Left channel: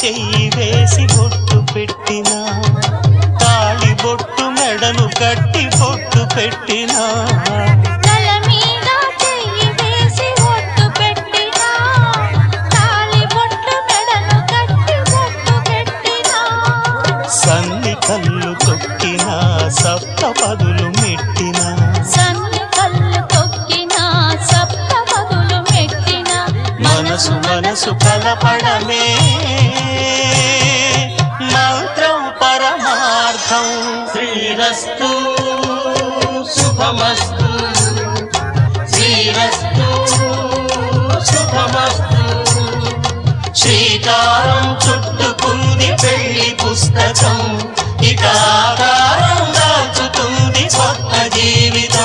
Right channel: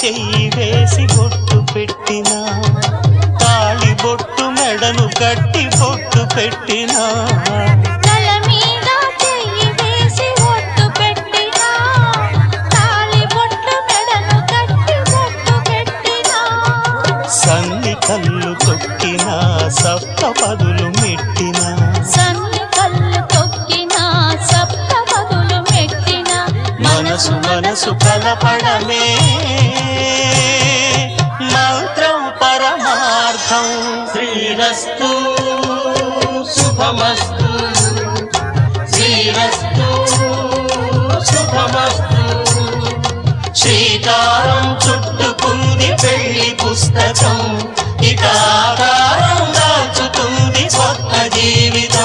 చెయ్యి వేసి బొట్టు పెట్టినా, తాళి బొట్టు మెడను కట్టి బొట్టు పెట్టినా, సన్ని కళ్ళు తొక్కినా సప్త పదులు మెట్టినా, మనసు మనసు కలపడమే మంత్రం పరమార్థం. శ్రీరస్తు శుభమస్తు, శ్రీరస్తు శుభమస్తు. శ్రీకారం చుట్టుకుంది పెళ్లి పుస్తకం, ఇక ఆకారం దాచుతుంది కొత్త జీవితం.